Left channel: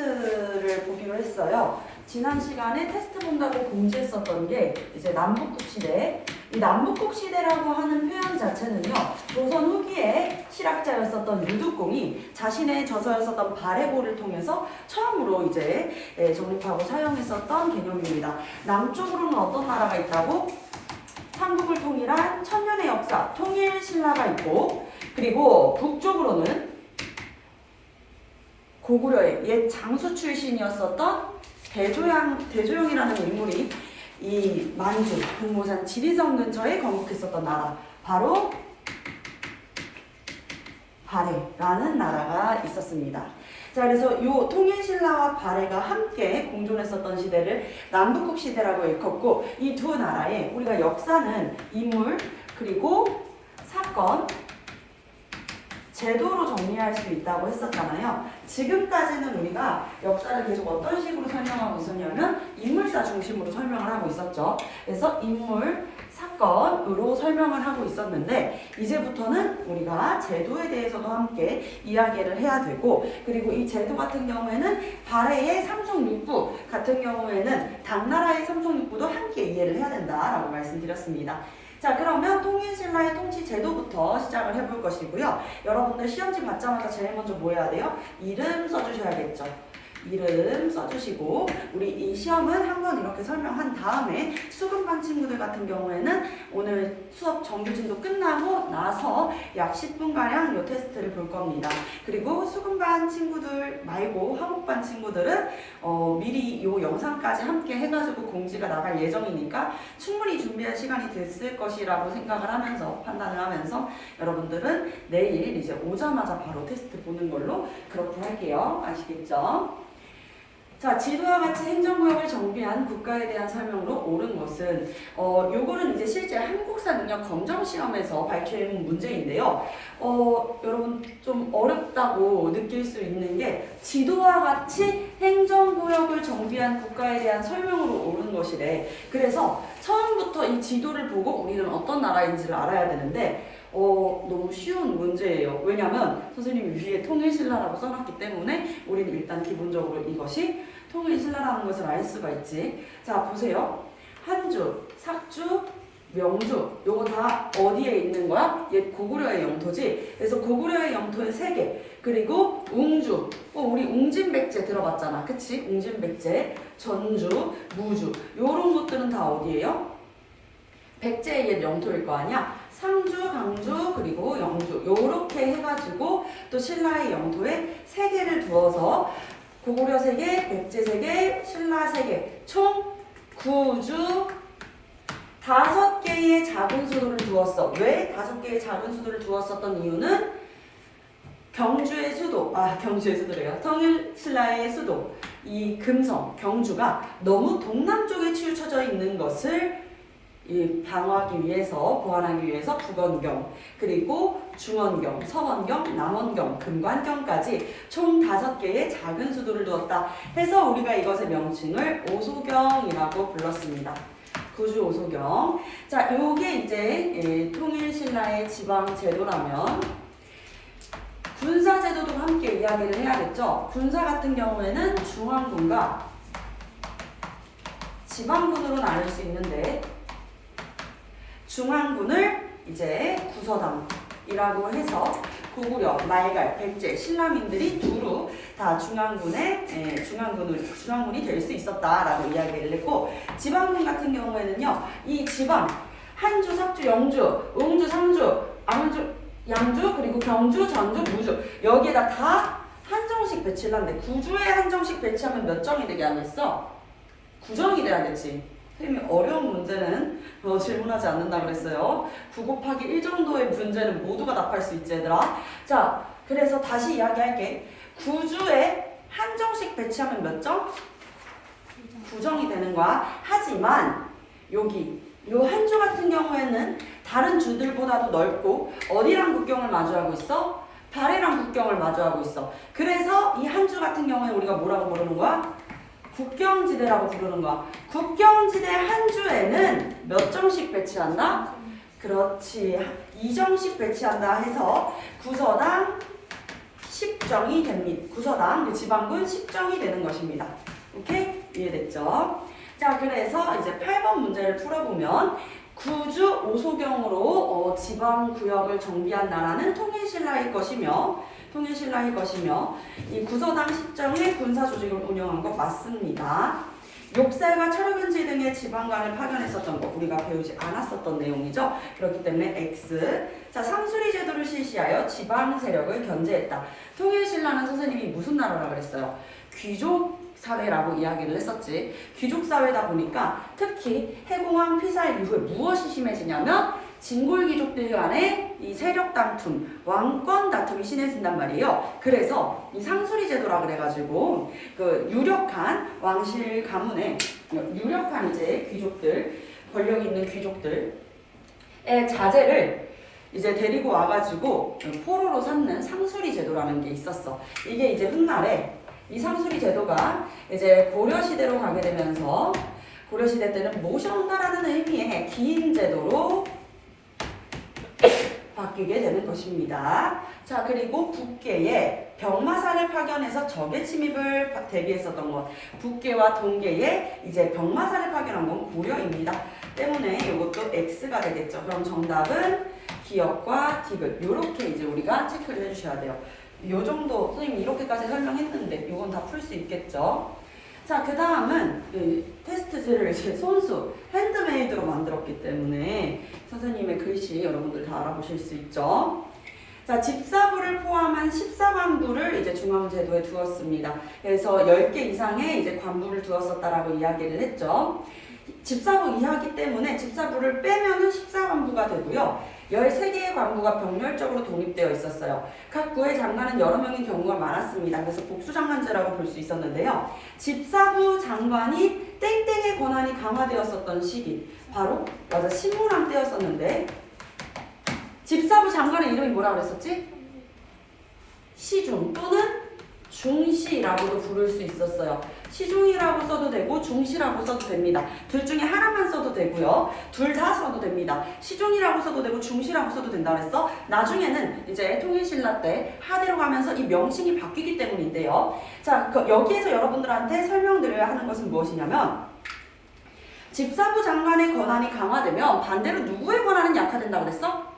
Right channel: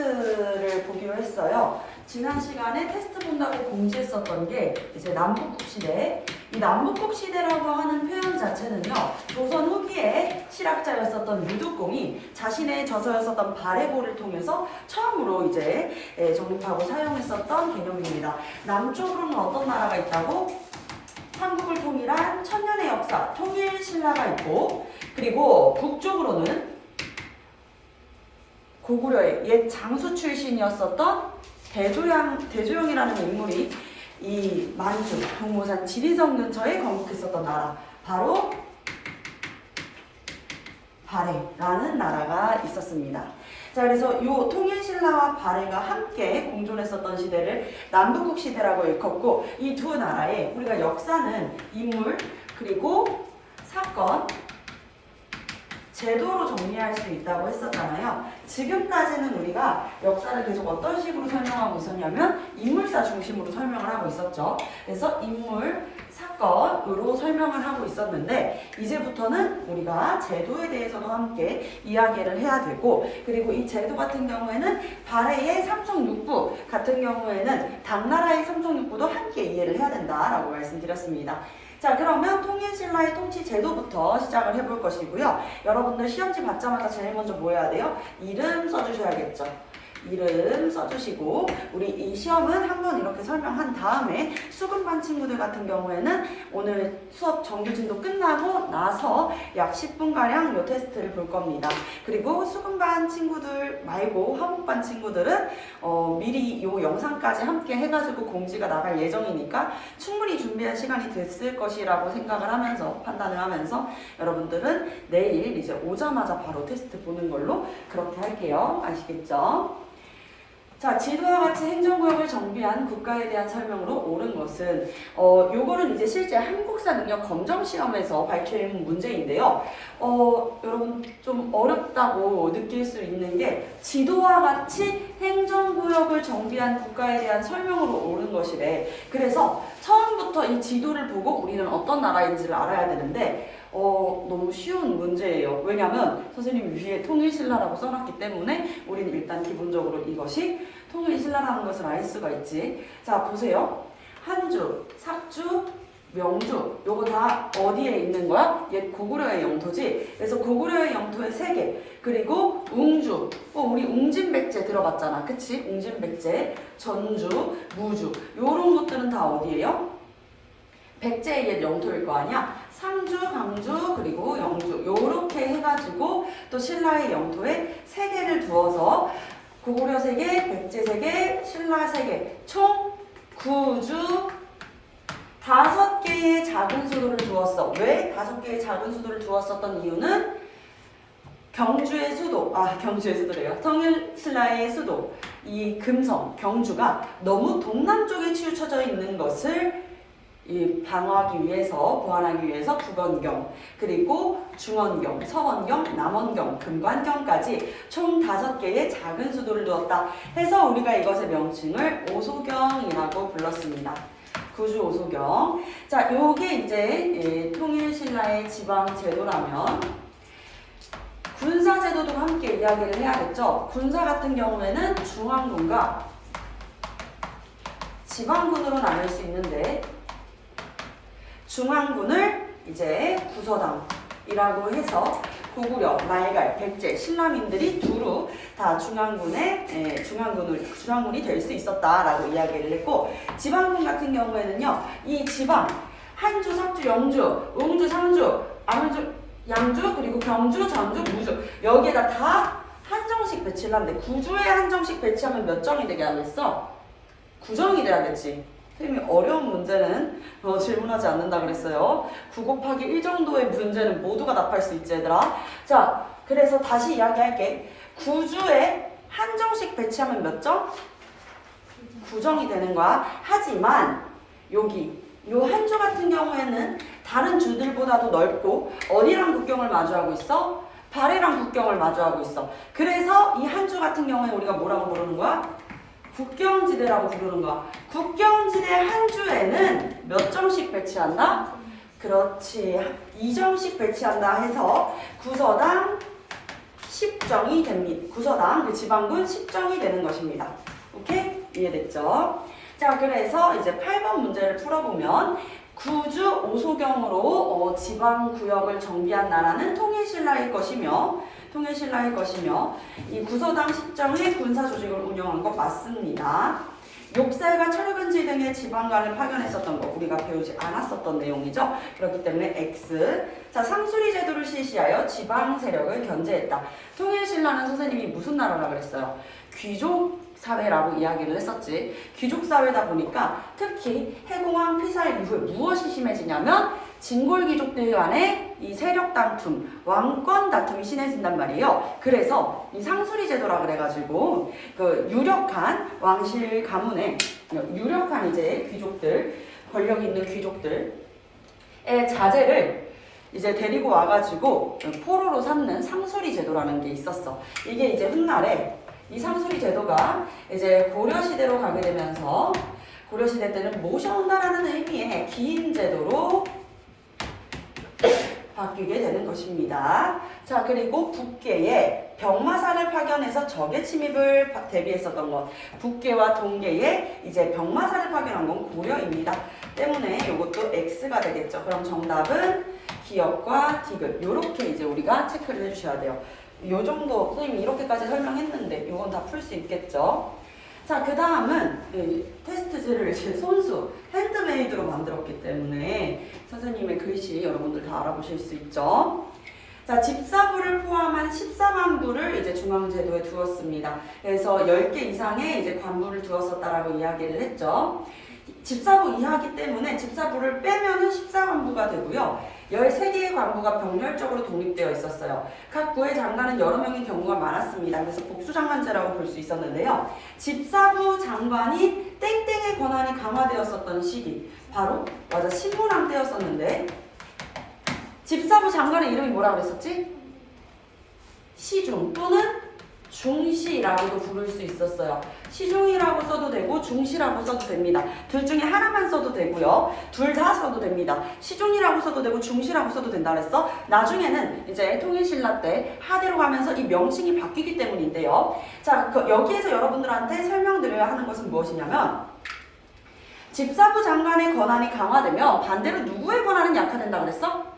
테스트를 보기로 했어요. 지난 시간에 테스트 본다고 공지했었던 게 이제 남북국 시대. 이 남북국 시대라고 하는 표현 자체는요, 조선 후기에 실학자였었던 유득공이 자신의 저서였었던 발해고를 통해서 처음으로 이제 정립하고 사용했었던 개념입니다. 남쪽으로는 어떤 나라가 있다고? 한국을 통일한 천년의 역사, 통일신라가 있고, 그리고 북쪽으로는 고구려의 옛 장수 출신이었었던 대조영이라는 인물이 이 만주, 동모산 지리성 근처에 건국했었던 나라, 바로 발해라는 나라가 있었습니다. 자, 그래서 이 통일신라와 발해가 함께 공존했었던 시대를 남북국 시대라고 일컫고, 이 두 나라의 우리가 역사는 인물, 그리고 사건, 제도로 정리할 수 있다고 했었잖아요. 지금까지는 우리가 역사를 계속 어떤 식으로 설명하고 있었냐면 인물사 중심으로 설명을 하고 있었죠. 그래서 인물, 사건으로 설명을 하고 있었는데, 이제부터는 우리가 제도에 대해서도 함께 이야기를 해야 되고, 그리고 이 제도 같은 경우에는 발해의 삼성육부 같은 경우에는 당나라의 삼성육부도 함께 이해를 해야 된다라고 말씀드렸습니다. 자, 그러면 통일신라의 통치 제도부터 시작을 해볼 것이고요. 여러분들 시험지 받자마자 제일 먼저 뭐 해야 돼요? 이름 써주셔야겠죠. 이름 써주시고, 우리 이 시험은 한번 이렇게 설명한 다음에 수급반 친구들 같은 경우에는 오늘 수업 정규진도 끝나고 나서 약 10분가량 이 테스트를 볼 겁니다. 그리고 수급반 친구들 말고 한국반 친구들은 미리 이 영상까지 함께 해가지고 공지가 나갈 예정이니까 충분히 준비한 시간이 됐을 것이라고 생각을 하면서, 판단을 하면서 여러분들은 내일 이제 오자마자 바로 테스트 보는 걸로 그렇게 할게요. 아시겠죠? 자, 지도와 같이 행정구역을 정비한 국가에 대한 설명으로 옳은 것은, 요거는 이제 실제 한국사 능력 검정 시험에서 발표된 문제인데요. 여러분 좀 어렵다고 느낄 수 있는 게, 지도와 같이 행정구역을 정비한 국가에 대한 설명으로 옳은 것이래. 그래서 처음부터 이 지도를 보고 우리는 어떤 나라인지를 알아야 되는데, 너무 쉬운 문제예요. 왜냐면 선생님이 위에 통일신라라고 써놨기 때문에 우리는 일단 기본적으로 이것이 통일신라라는 것을 알 수가 있지. 자, 보세요. 한주, 삭주, 명주, 요거 다 어디에 있는 거야? 옛 고구려의 영토지. 그래서 고구려의 영토의 3개, 그리고 웅주, 우리 웅진백제 들어봤잖아, 그치? 웅진백제, 전주, 무주, 요런 것들은 다 어디예요? 백제의 옛 영토일 거 아니야? 상주, 강주, 그리고 영주, 요렇게 해가지고 또 신라의 영토에 3개를 두어서 고구려 3개, 백제 3개, 신라 3개, 총 9주 5개의 작은 수도를 두었어. 왜 5개의 작은 수도를 두었었던 이유는 경주의 수도, 경주의 수도래요. 통일신라의 수도, 이 금성, 경주가 너무 동남쪽에 치우쳐져 있는 것을 방어하기 위해서, 보완하기 위해서 북원경, 그리고 중원경, 서원경, 남원경, 금관경까지 총 5개의 작은 수도를 두었다 해서 우리가 이것의 명칭을 오소경이라고 불렀습니다. 구주 오소경. 자, 요게 이제 통일신라의 지방제도라면 군사제도도 함께 이야기를 해야겠죠. 군사 같은 경우에는 중앙군과 지방군으로 나눌 수 있는데, 중앙군을 이제 구서당이라고 해서 고구려, 말갈, 백제, 신라민들이 두루 다 중앙군이 될 수 있었다라고 이야기를 했고, 지방군 같은 경우에는요, 이 지방 한주, 삭주, 영주, 웅주, 상주, 암주, 양주, 그리고 경주, 전주, 무주, 여기에다 다 한정식 배치를 하는데, 구주에 한정식 배치하면 몇 정이 되게 하겠어? 9정이 돼야겠지. 선생님이 어려운 문제는 질문하지 않는다 그랬어요. 9 곱하기 1 정도의 문제는 모두가 답할 수 있지, 얘들아. 자, 그래서 다시 이야기할게. 9주에 한정식 배치하면 몇 정? 9정이 되는 거야. 하지만 여기 요 한주 같은 경우에는 다른 주들보다도 넓고 어디랑 국경을 마주하고 있어? 발해랑 국경을 마주하고 있어. 그래서 이 한주 같은 경우에 우리가 뭐라고 부르는 거야? 국경지대라고 부르는 거야. 국경지대 한 주에는 몇 정씩 배치한다? 그렇지. 2정씩 배치한다 해서 구서당 십정이 됩니다. 구서당, 그 지방군 십정이 되는 것입니다. 오케이? 이해됐죠? 자, 그래서 이제 8번 문제를 풀어보면 구주 오소경으로 지방구역을 정비한 나라는 통일신라일 것이며 이 구서당 십정의 군사조직을 운영한 것 맞습니다. 욕살과 철업은지 등의 지방관을 파견했었던 거 우리가 배우지 않았었던 내용이죠. 그렇기 때문에 X. 자, 상수리 제도를 실시하여 지방 세력을 견제했다. 통일신라는 선생님이 무슨 나라라 그랬어요? 귀족 사회라고 이야기를 했었지. 귀족 사회다 보니까 특히 해공황 피살 이후에 무엇이 심해지냐면 진골 귀족들 간의 이 세력 다툼, 왕권 다툼이 심해진단 말이에요. 그래서 이 상수리 제도라 그래가지고 그 유력한 왕실 가문의 유력한 이제 귀족들, 권력 있는 귀족들의 자제를 이제 데리고 와가지고 포로로 삼는 상수리 제도라는 게 있었어. 이게 이제 훗날에 이 상수리 제도가 이제 고려시대로 가게 되면서 고려시대 때는 모셔온다라는 의미의 기인 제도로 바뀌게 되는 것입니다. 자, 그리고 북계에 병마사를 파견해서 적의 침입을 대비했었던 것. 북계와 동계에 이제 병마사를 파견한 건 고려입니다. 때문에 이것도 X가 되겠죠. 그럼 정답은 기역과 디귿. 이렇게 이제 우리가 체크를 해주셔야 돼요. 요 정도 선생님이 이렇게까지 설명했는데 이건 다 풀 수 있겠죠. 자, 그 다음은 테스트지를 이제 손수 핸드메이드로 만들었기 때문에 선생님의 글씨 여러분들 다 알아보실 수 있죠. 자, 집사부를 포함한 14관부를 이제 중앙제도에 두었습니다. 그래서 10개 이상의 이제 관부를 두었었다라고 이야기를 했죠. 집사부 이하기 때문에 집사부를 빼면은 14관부가 되고요. 13개의 관부가 병렬적으로 독립되어 있었어요. 각 부의 장관은 여러 명의 경우가 많았습니다. 그래서 복수장관제라고 볼 수 있었는데요. 집사부 장관이 땡땡의 권한이 강화되었었던 시기, 바로 맞아 신문왕 때였었는데 집사부 장관의 이름이 뭐라 그랬었지? 시중 또는 중시라고도 부를 수 있었어요. 시중이라고 써도 되고 중시라고 써도 됩니다. 둘 중에 하나만 써도 되고요. 둘 다 써도 됩니다. 시중이라고 써도 되고 중시라고 써도 된다 그랬어. 나중에는 이제 통일신라 때 하대로 가면서 이 명칭이 바뀌기 때문인데요. 자, 여기에서 여러분들한테 설명드려야 하는 것은 무엇이냐면 집사부 장관의 권한이 강화되면 반대로 누구의 권한은 약화된다 그랬어?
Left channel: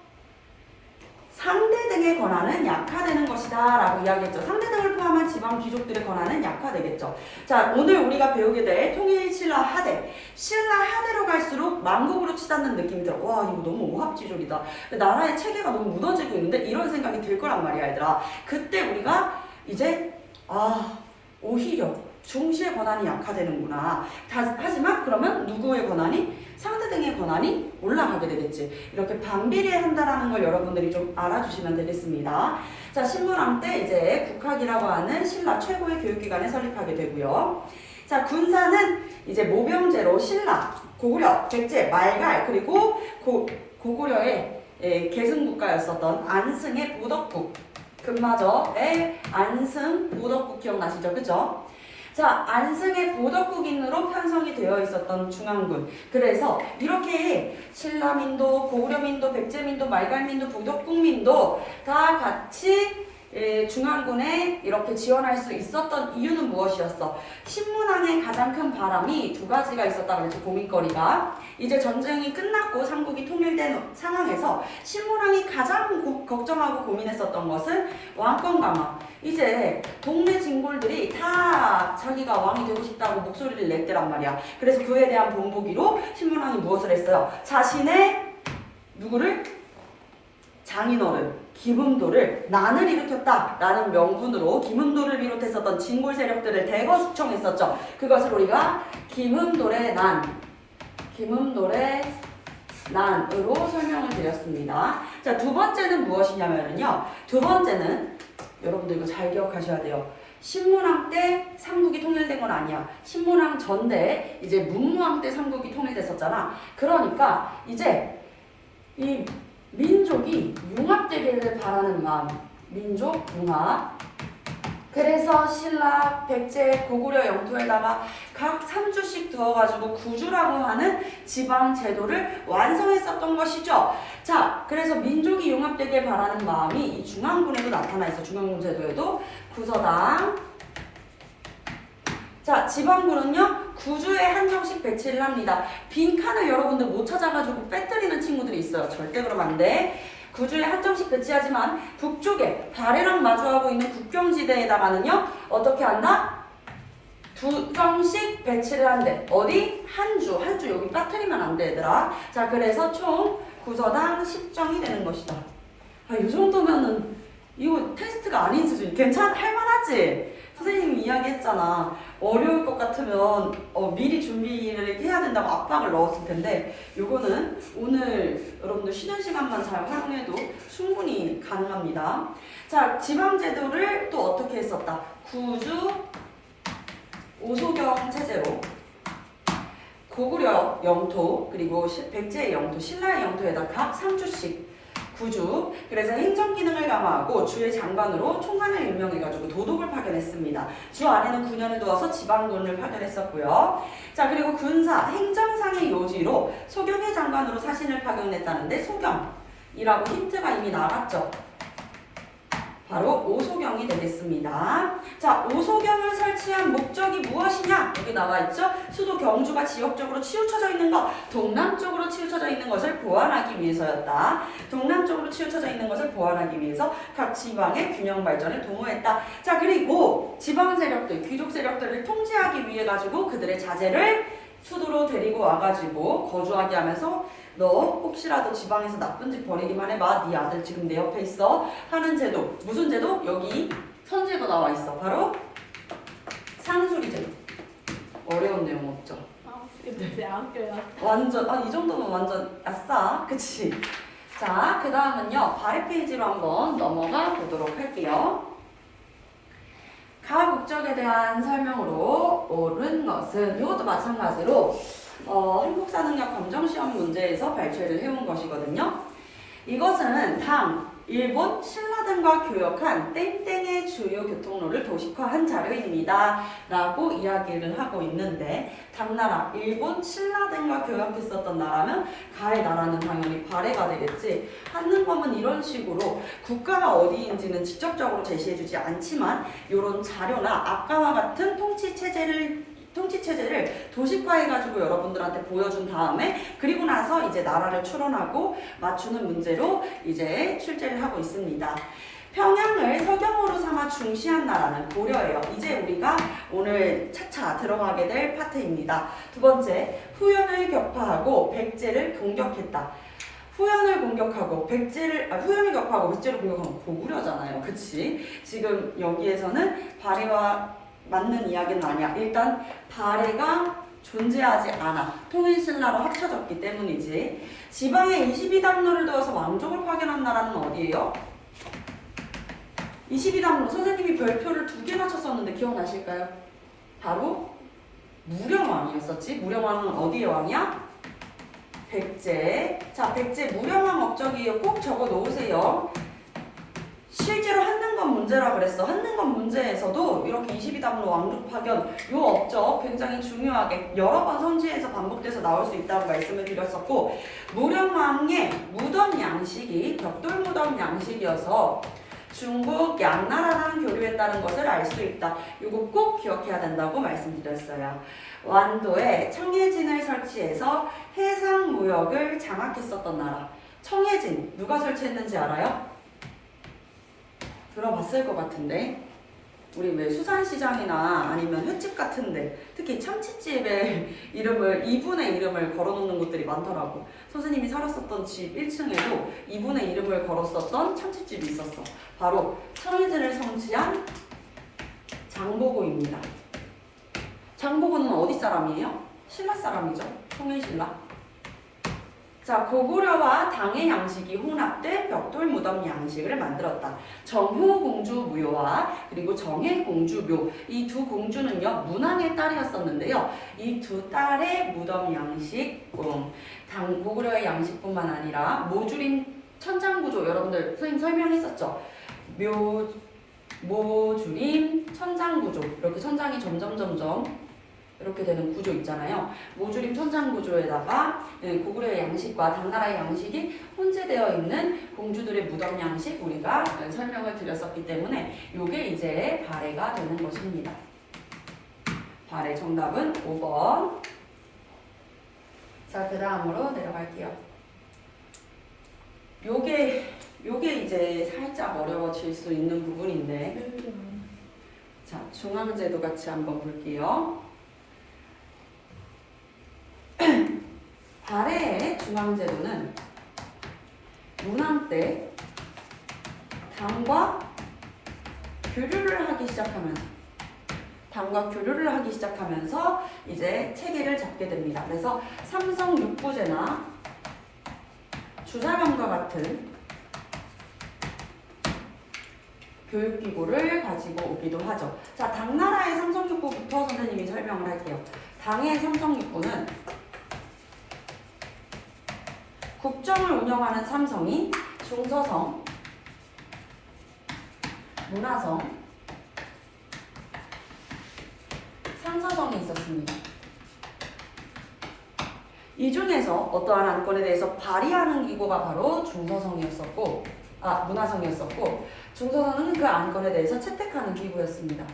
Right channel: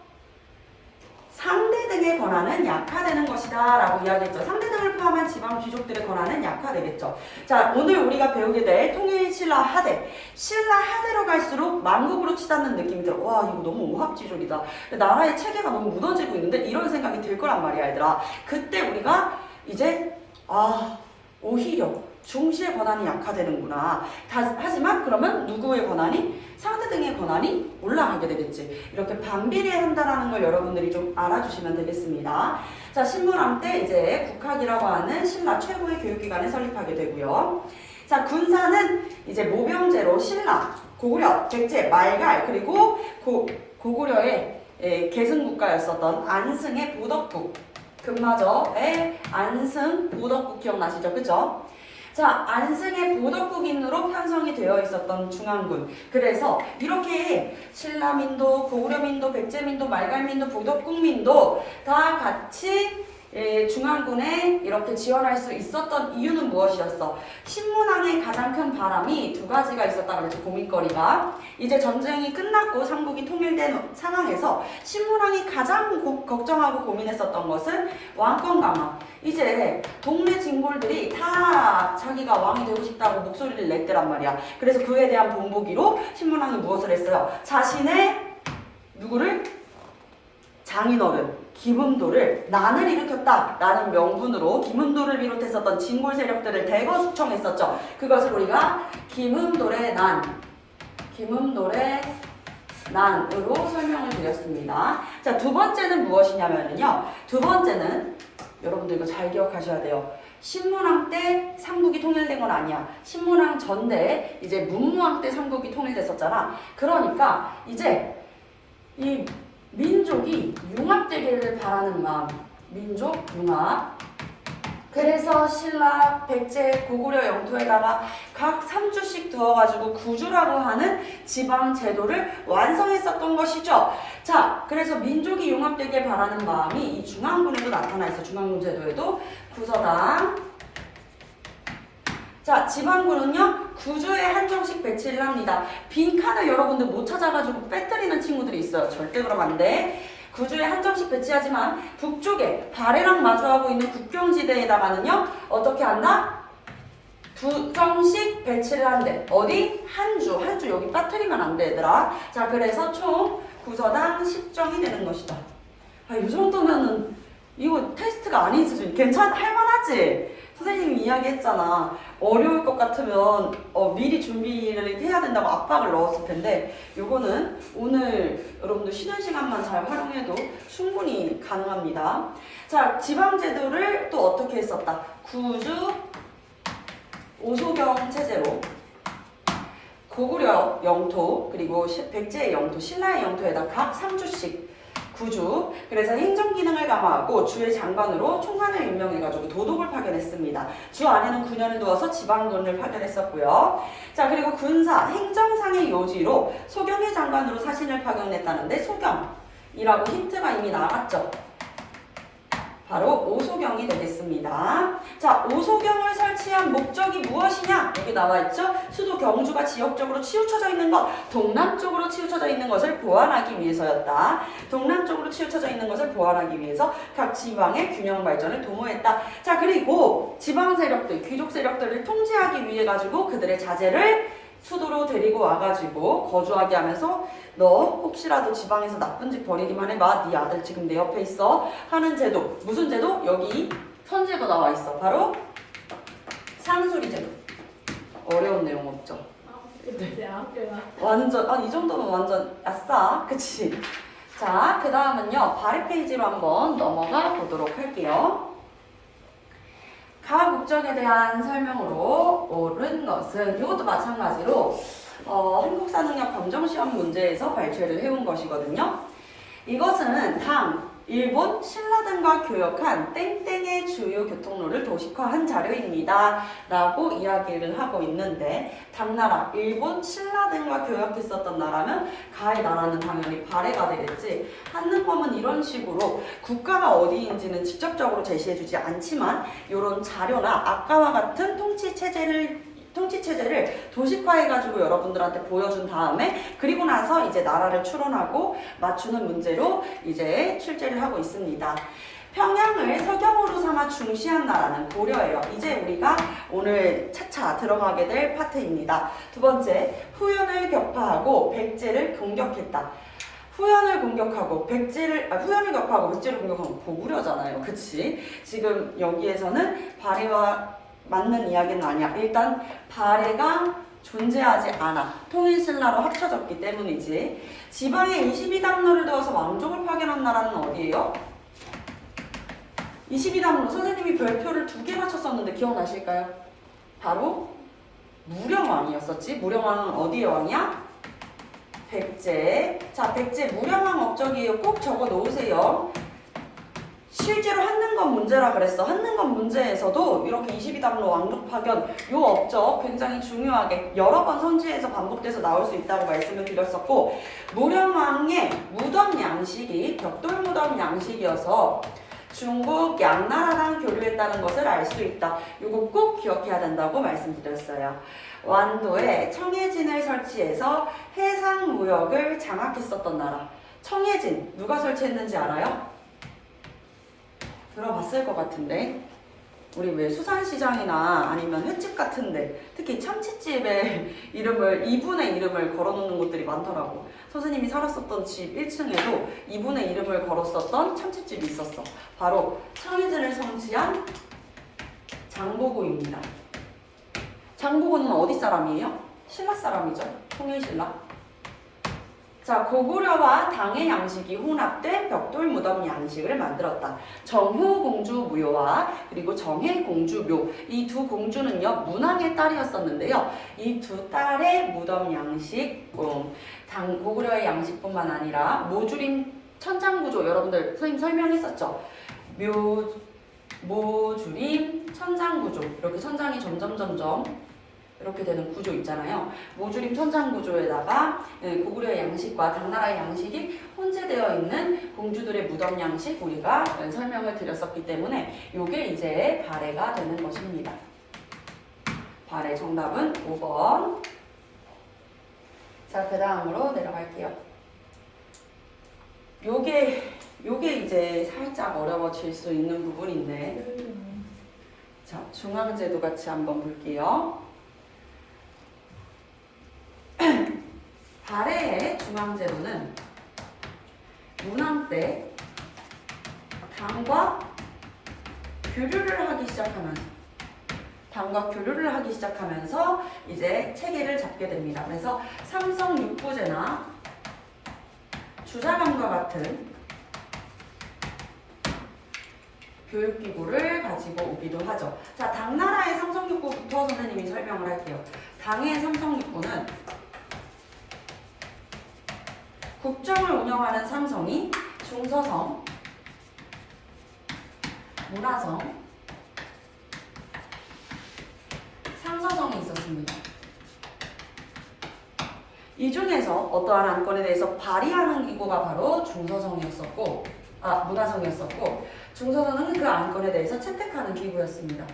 상대 등의 권한은 약화되는 것이다 라고 이야기했죠. 상대 등을 포함한 지방 귀족들의 권한은 약화되겠죠. 자, 오늘 우리가 배우게 될 통일신라 하대. 신라 하대로 갈수록 만국으로 치닫는 느낌이 들어. 와, 이거 너무 오합지졸이다. 나라의 체계가 너무 무너지고 있는데 이런 생각이 들 거란 말이야, 얘들아. 그때 우리가 이제 오히려 중시의 권한이 약화되는구나. 하지만 그러면 누구의 권한이? 상대 등의 권한이 올라가게 되겠지. 이렇게 반비례한다라는 걸 여러분들이 좀 알아주시면 되겠습니다. 자, 신문왕 때 이제 국학이라고 하는 신라 최고의 교육기관을 설립하게 되고요. 자, 군사는 이제 모병제로 신라, 고구려, 백제, 말갈, 그리고 고구려의 계승국가였었던 안승의 보덕국, 금마저의 안승 보덕국 기억나시죠? 그죠? 자, 안승의 보덕국인으로 편성이 되어 있었던 중앙군. 그래서 이렇게 신라민도, 고구려민도, 백제민도, 말갈민도, 보덕국민도 다 같이 중앙군에 이렇게 지원할 수 있었던 이유는 무엇이었어? 신문왕의 가장 큰 바람이 두 가지가 있었다 그랬죠. 고민거리가. 이제 전쟁이 끝났고 삼국이 통일된 상황에서 신문왕이 가장 걱정하고 고민했었던 것은 왕권 강화. 이제 동네 진골들이 다 자기가 왕이 되고 싶다고 목소리를 냈더란 말이야. 그래서 그에 대한 본보기로 신문왕이 무엇을 했어요? 자신의 누구를? 장인어른 김음도를 난을 일으켰다 라는 명분으로 김음도를 비롯했었던 진골 세력들을 대거 숙청했었죠. 그것을 우리가 김음돌의 난으로 설명을 드렸습니다. 자, 두 번째는 무엇이냐면요. 두 번째는 여러분들 이거 잘 기억하셔야 돼요. 신문왕 때 삼국이 통일된 건 아니야. 신문왕 전대 이제 문무왕 때 삼국이 통일됐었잖아. 그러니까 이제 이 민족이 융합되기를 바라는 마음, 민족 융합, 그래서 신라, 백제, 고구려 영토에다가 각 3주씩 두어가지고 구주라고 하는 지방 제도를 완성했었던 것이죠. 자, 그래서 민족이 융합되길 바라는 마음이 이 중앙군에도 나타나 있어. 중앙군 제도에도 구서당. 자, 지방군은요 구주에 한정씩 배치를 합니다. 빈칸을 여러분들 못 찾아가지고 빼뜨리는 친구들이 있어요. 절대 그러면 안 돼. 구주에 한정씩 배치하지만 북쪽에 발해랑 마주하고 있는 국경지대에다가는요 어떻게 한다? 2정씩 배치를 한대. 어디? 한주 여기 빠뜨리면 안 돼, 얘들아. 자, 그래서 총 구서당 10정이 되는 것이다. 아, 이 정도면은 이거 테스트가 아닌 수준. 할만하지? 선생님이 이야기했잖아. 어려울 것 같으면 미리 준비를 해야 된다고 압박을 넣었을 텐데 요거는 오늘 여러분들 쉬는 시간만 잘 활용해도 충분히 가능합니다. 자, 지방제도를 또 어떻게 했었다? 구주 오소경 체제로 고구려 영토 그리고 백제의 영토, 신라의 영토에다 각 3주씩 구주. 그래서 행정기능을 강화하고 주의 장관으로 총관을 임명해가지고 도독을 파견했습니다. 주 안에는 9년을 두어서 지방군을 파견했었고요. 자, 그리고 군사, 행정상의 요지로 소경의 장관으로 사신을 파견했다는데 소경이라고 힌트가 이미 나갔죠. 바로 오소경이 되겠습니다. 자, 오소경을 설치한 목적이 무엇이냐? 여기 나와 있죠? 수도 경주가 지역적으로 치우쳐져 있는 것, 동남쪽으로 치우쳐져 있는 것을 보완하기 위해서였다. 동남쪽으로 치우쳐져 있는 것을 보완하기 위해서 각 지방의 균형 발전을 도모했다. 자, 그리고 지방 세력들, 귀족 세력들을 통제하기 위해 가지고 그들의 자제를 수도로 데리고 와가지고 거주하게 하면서 너 혹시라도 지방에서 나쁜 짓 벌이기만 해봐. 네 아들 지금 내 옆에 있어. 하는 제도. 무슨 제도? 여기 선제도 나와 있어. 바로 상수리 제도. 어려운 내용 없죠? 완전 이 정도면 완전 아싸. 그치? 자, 그 다음은요 발해 페이지로 한번 넘어가 보도록 할게요. 가 국적에 대한 설명으로 옳은 것은 이것도 마찬가지로 한국사능력 검정시험 문제에서 발췌를 해온 것이거든요. 이것은 당, 일본, 신라 등과 교역한 땡땡의 주요 교통로를 도식화한 자료입니다. 라고 이야기를 하고 있는데 당나라, 일본, 신라 등과 교역했었던 나라면 가의 나라는 당연히 발해가 되겠지. 한능검은 이런 식으로 국가가 어디인지는 직접적으로 제시해주지 않지만 이런 자료나 아까와 같은 통치체제를 도식화해가지고 여러분들한테 보여준 다음에 그리고 나서 이제 나라를 추론하고 맞추는 문제로 이제 출제를 하고 있습니다. 평양을 서경으로 삼아 중시한 나라는 고려예요. 이제 우리가 오늘 차차 들어가게 될 파트입니다. 두 번째, 후연을 격파하고 백제를 공격했다. 후연을 공격하고 백제를 공격하고 고구려잖아요. 그치? 지금 여기에서는 발해와 맞는 이야기는 아니야. 일단 발해가 존재하지 않아. 통일신라로 합쳐졌기 때문이지. 지방에 22담로를 두어서 왕족을 파견한 나라는 어디예요? 22담로. 선생님이 별표를 2개나 쳤었는데 기억나실까요? 바로 무령왕이었었지. 무령왕은 어디의 왕이야? 백제. 자, 백제 무령왕 업적이에요. 꼭 적어 놓으세요. 실제로 한능검 문제라 그랬어. 한능검 문제에서도 이렇게 22담로 왕족 파견 요 업적 굉장히 중요하게 여러 번 선지에서 반복돼서 나올 수 있다고 말씀을 드렸었고 무령왕의 무덤 양식이 벽돌 무덤 양식이어서 중국 양나라랑 교류했다는 것을 알 수 있다. 이거 꼭 기억해야 된다고 말씀드렸어요. 완도에 청해진을 설치해서 해상 무역을 장악했었던 나라. 청해진 누가 설치했는지 알아요? 들어봤을 것 같은데 우리 왜 수산시장이나 아니면 횟집 같은데 특히 참치집의 이분의 이름을 걸어놓는 곳들이 많더라고. 선생님이 살았었던 집 1층에도 이분의 이름을 걸었었던 참치집이 있었어. 바로 청해진을 성취한 장보고입니다. 장보고는 어디 사람이에요? 신라 사람이죠. 통일신라. 자, 고구려와 당의 양식이 혼합돼 벽돌 무덤 양식을 만들었다. 정후 공주 무효와 그리고 정혜 공주 묘. 이 두 공주는요, 문왕의 딸이었었는데요. 이 두 딸의 무덤 양식, 고구려의 양식뿐만 아니라 모주림 천장구조 여러분들 선생님 설명했었죠. 모줄임 천장 구조. 이렇게 천장이 점점 이렇게 되는 구조 있잖아요. 모줄임 천장 구조에다가 고구려의 양식과 당나라의 양식이 혼재되어 있는 공주들의 무덤 양식 우리가 설명을 드렸었기 때문에 이게 이제 발해가 되는 것입니다. 발해 정답은 5번. 자, 그 다음으로 내려갈게요. 요게 이제 살짝 어려워질 수 있는 부분인데, 자, 중앙제도 같이 한번 볼게요. 발해의 중앙제도는 문왕 때 당과 교류를 하기 시작하면서 이제 체계를 잡게 됩니다. 그래서 삼성 육부제나 주자감과 같은 교육기구를 가지고 오기도 하죠. 자, 당나라의 삼성육부부터 선생님이 설명을 할게요. 당의 삼성육부는 국정을 운영하는 삼성이 중서성, 문화성, 상서성이 있었습니다. 이 중에서 어떠한 안건에 대해서 발의하는 기구가 바로 중서성이었었고, 문화성이었었고, 중서성은 그 안건에 대해서 채택하는 기구였습니다.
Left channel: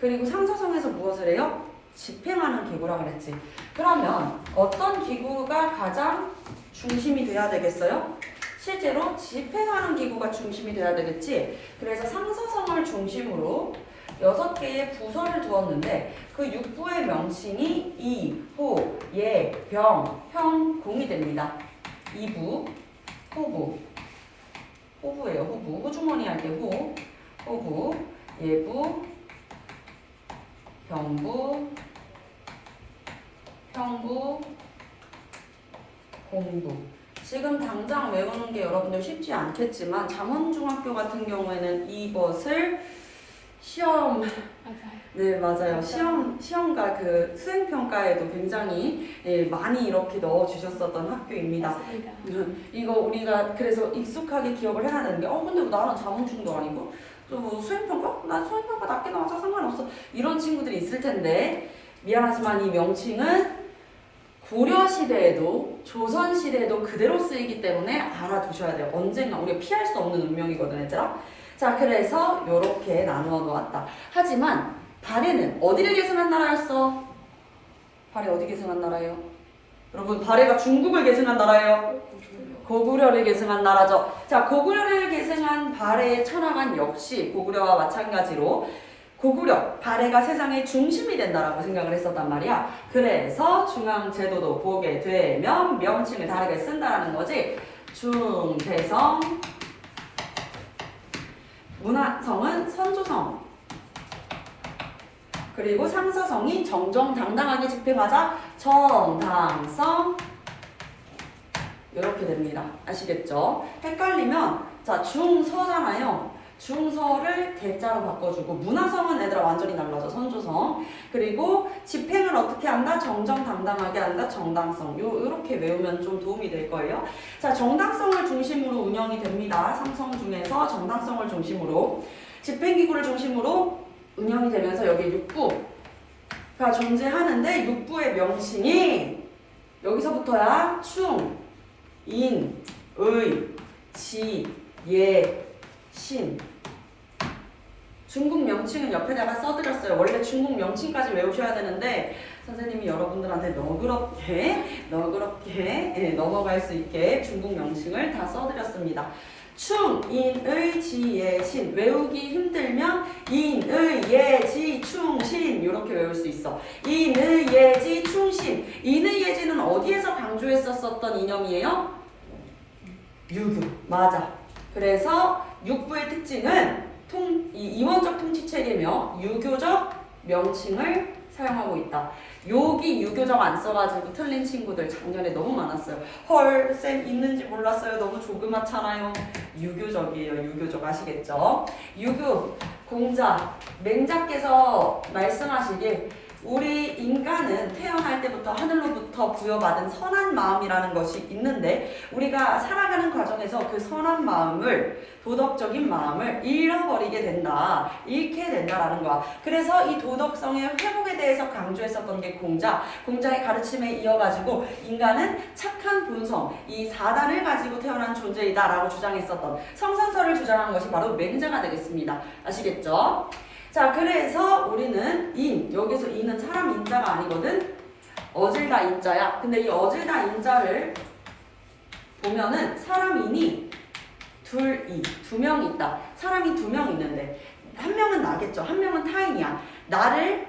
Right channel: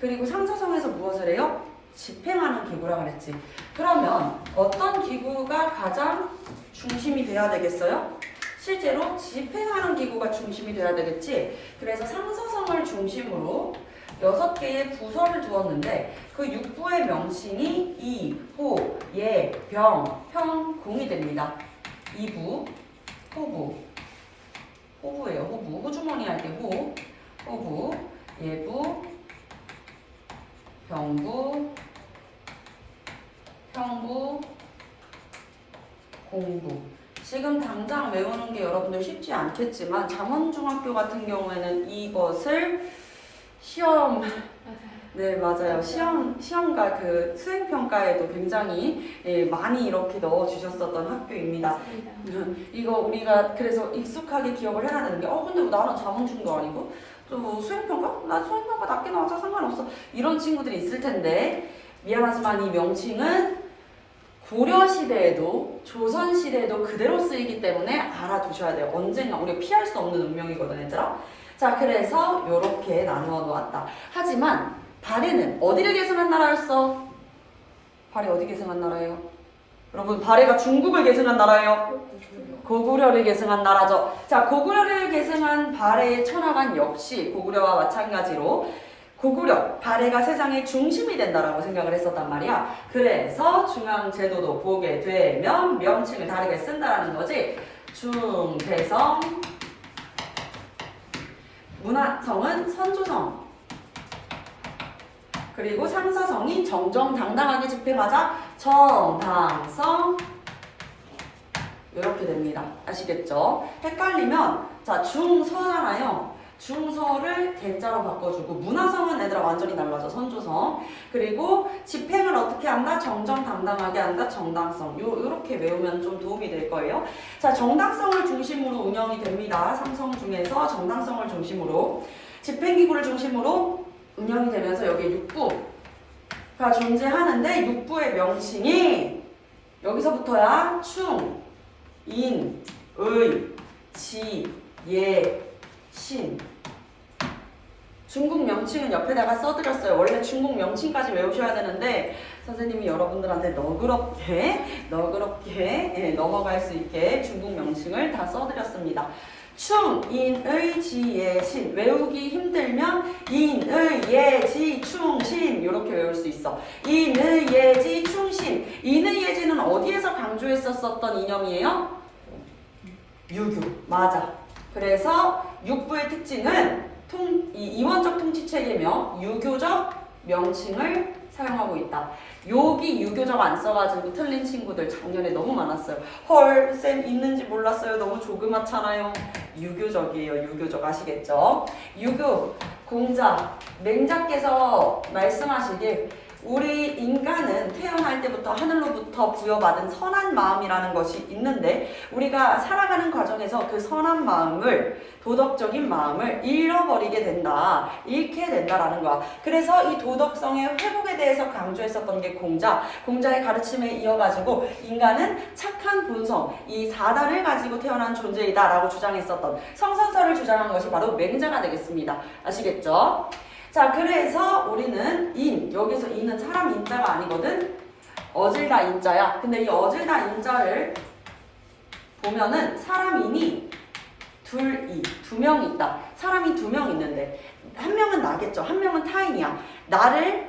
그리고 상서성에서 무엇을 해요? 집행하는 기구라고 그랬지. 그러면 어떤 기구가 가장 중심이 돼야 되겠어요? 실제로 집행하는 기구가 중심이 돼야 되겠지. 그래서 상서성을 중심으로 6개의 부서를 두었는데 그 육부의 명칭이 이, 호, 예, 병, 평, 공이 됩니다. 이부, 호부, 호부예요. 호부. 호주머니 할 때 호, 호부, 예부, 병부, 평부, 공부. 지금 당장 외우는 게 여러분들 쉽지 않겠지만 잠원중학교 같은 경우에는 이것을 네, 맞아요. 시험과 그 수행평가에도 굉장히 많이 이렇게 넣어주셨었던 학교입니다. 이거 우리가 그래서 익숙하게 기억을 해야 되는 게 근데 나는 자문중도 아니고 또 뭐 수행평가? 나 수행평가 낮게 나와서 상관없어. 이런 친구들이 있을 텐데 미안하지만 이 명칭은 고려시대에도 조선시대에도 그대로 쓰이기 때문에 알아두셔야 돼요. 언젠가 우리가 피할 수 없는 운명이거든, 얘들아. 자, 그래서 이렇게 나누어 놓았다. 하지만 발해는 어디를 계승한 나라였어? 발해 어디 계승한 나라예요? 여러분, 발해가 중국을 계승한 나라예요? 고구려를 계승한 나라죠. 자, 고구려를 계승한 발해의 천하관 역시 고구려와 마찬가지로 고구려, 발해가 세상의 중심이 된다라고 생각을 했었단 말이야. 그래서 중앙제도도 보게 되면 명칭을 다르게 쓴다라는 거지. 중대성, 문화성은 선조성, 그리고 상서성이 정정당당하게 집행하자 정당성, 이렇게 됩니다. 아시겠죠? 헷갈리면 자, 중서잖아요. 중서를 대자로 바꿔주고 문화성은 얘들아 완전히 달라져. 선조성. 그리고 집행을 어떻게 한다? 정정당당하게 한다. 정당성. 요렇게 외우면 좀 도움이 될 거예요. 자, 정당성을 중심으로 운영이 됩니다. 삼성 중에서 정당성을 중심으로 집행기구를 중심으로 운영이 되면서 여기 육부가 존재하는데 육부의 명칭이 여기서부터야 충, 인, 의, 지, 예, 신. 중국 명칭은 옆에다가 써드렸어요. 원래 중국 명칭까지 외우셔야 되는데 선생님이 여러분들한테 너그럽게 넘어갈 수 있게 중국 명칭을 다 써드렸습니다. 충, 인, 의, 지, 예, 신. 외우기 힘들면 인, 의, 예, 지, 충, 신 이렇게 외울 수 있어. 인, 의, 예, 지, 충, 신. 인, 의, 예, 지는 어디에서 강조했었던 이념이에요? 유교. 맞아. 그래서 육부의 특징은 이원적 통치체계며 유교적 명칭을 사용하고 있다. 여기 유교적 안 써가지고 틀린 친구들 작년에 너무 많았어요. 헐, 쌤 있는지 몰랐어요. 너무 조그맣잖아요. 유교적이에요. 유교적. 아시겠죠? 유교, 공자, 맹자께서 말씀하시길 우리 인간은 태어날 때부터 하늘로부터 부여받은 선한 마음이라는 것이 있는데 우리가 살아가는 과정에서 그 선한 마음을 도덕적인 마음을 잃어버리게 된다. 잃게 된다라는 거야. 그래서 이 도덕성의 회복에 대해서 강조했었던 게 공자의 가르침에 이어가지고 인간은 착한 본성, 이 사단을 가지고 태어난 존재이다 라고 주장했었던 성선설을 주장한 것이 바로 맹자가 되겠습니다. 아시겠죠? 자, 그래서 우리는 여기서 인은 사람 인자가 아니거든. 어질다 인자야. 근데 이 어질다 인자를 보면은 사람 인이 두 명이 있다. 사람이 2명 있는데 한 명은 나겠죠. 한 명은 타인이야. 나를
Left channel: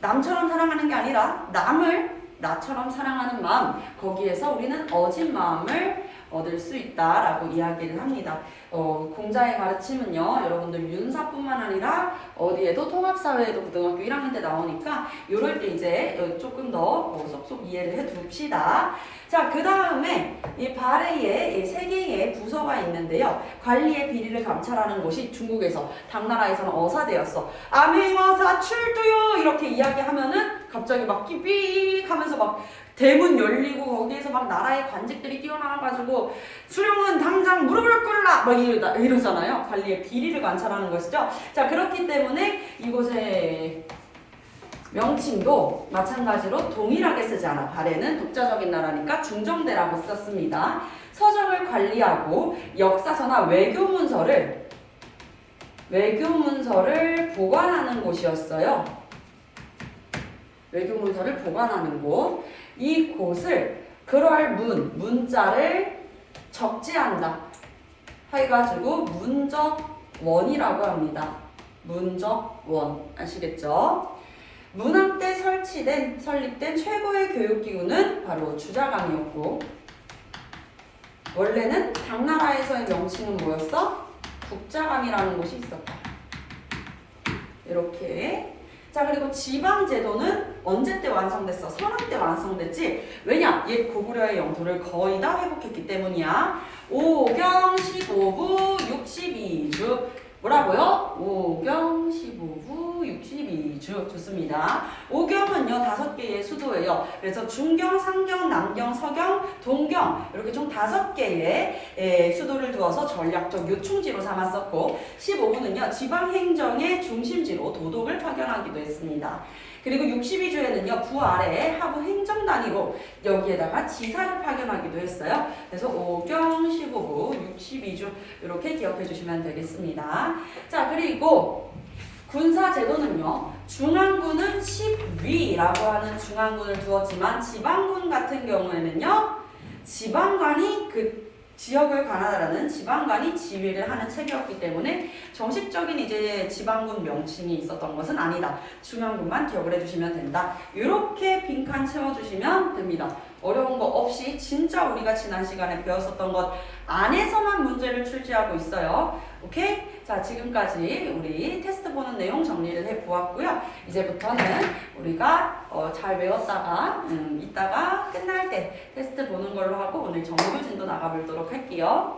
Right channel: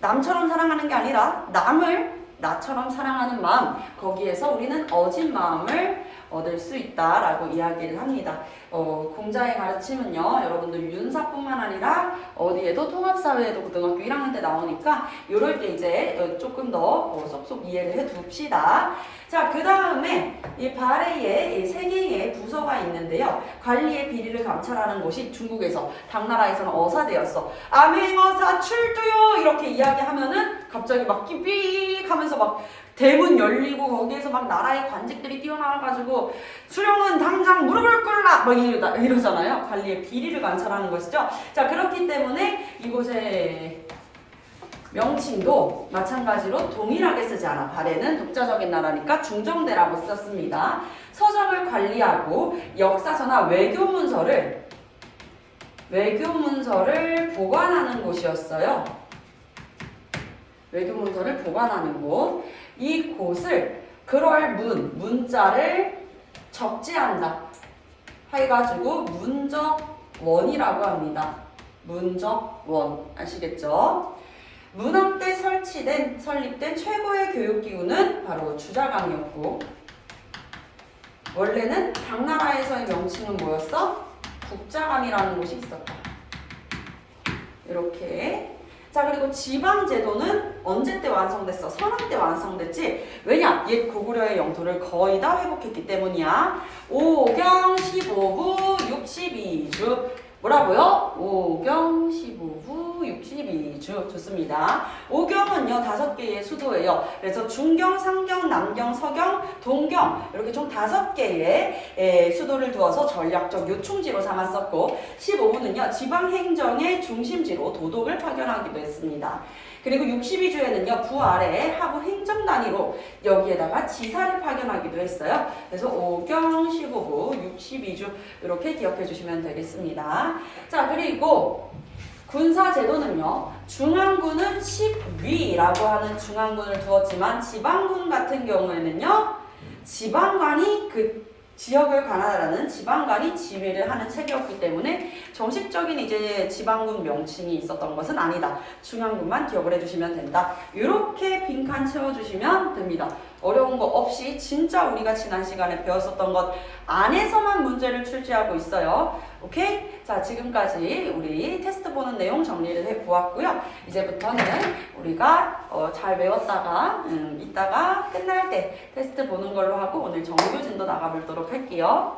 남처럼 사랑하는 게 아니라 남을 나처럼 사랑하는 마음, 거기에서 우리는 어진 마음을 얻을 수 있다라고 이야기를 합니다. 공자의 가르침은요, 여러분들 윤사뿐만 아니라 어디에도 통합사회에도 고등학교 1학년 때 나오니까 이럴 때 이제 조금 더 쏙쏙 이해를 해 둡시다. 자, 그 다음에 이 발해에 3개의 부서가 있는데요. 관리의 비리를 감찰하는 곳이 중국에서, 당나라에서는 어사되었어. 암행어사 출두요! 이렇게 이야기하면은 갑자기 막 삐삐 하면서 막 대문 열리고 거기에서 막 나라의 관직들이 뛰어나와가지고 수령은 당장 무릎을 꿇라! 막 이러잖아요. 관리의 비리를 관찰하는 것이죠. 자, 그렇기 때문에 이곳의 명칭도 마찬가지로 동일하게 쓰지 않아. 발해는 독자적인 나라니까 중정대라고 썼습니다. 서적을 관리하고 역사서나 외교문서를 보관하는 곳이었어요. 외교문서를 보관하는 곳. 이 곳을 그럴 문자를 적재한다 해가지고 문적원이라고 합니다. 문적원. 아시겠죠? 문학 때 설립된 최고의 교육기구는 바로 주자감이었고, 원래는 당나라에서의 명칭은 뭐였어? 국자감이라는 곳이 있었다. 이렇게. 자, 그리고 지방제도는 언제 때 완성됐어? 선원 때 완성됐지? 왜냐? 옛 고구려의 영토를 거의 다 회복했기 때문이야. 오경 15부 62주. 뭐라고요? 오경 15부 62주. 좋습니다. 오경은요 5개의 수도예요. 그래서 중경, 상경, 남경, 서경, 동경 이렇게 총 5개의 수도를 두어서 전략적 요충지로 삼았었고, 15부는요 지방행정의 중심지로 도독을 파견하기도 했습니다. 그리고 62주에는요 부 아래에 하부 행정단위로 여기에다가 지사를 파견하기도 했어요. 그래서 오경 15부 62주 이렇게 기억해 주시면 되겠습니다. 자, 그리고 군사제도는요 중앙군은 10위라고 하는 중앙군을 두었지만 지방군 같은 경우에는요 지방관이 그 지역을 관할하는 지방관이 지휘를 하는 체계였기 때문에 정식적인 이제 지방군 명칭이 있었던 것은 아니다. 중앙군만 기억을 해주시면 된다. 이렇게 빈칸 채워주시면 됩니다. 어려운 거 없이 진짜 우리가 지난 시간에 배웠었던 것 안에서만 문제를 출제하고 있어요. 오케이? 자, 지금까지 우리 테스트 보는 내용 정리를 해보았고요. 이제부터는 우리가 잘 외웠다가 이따가 끝날 때 테스트 보는 걸로 하고 오늘 정규진도 나가보도록 할게요.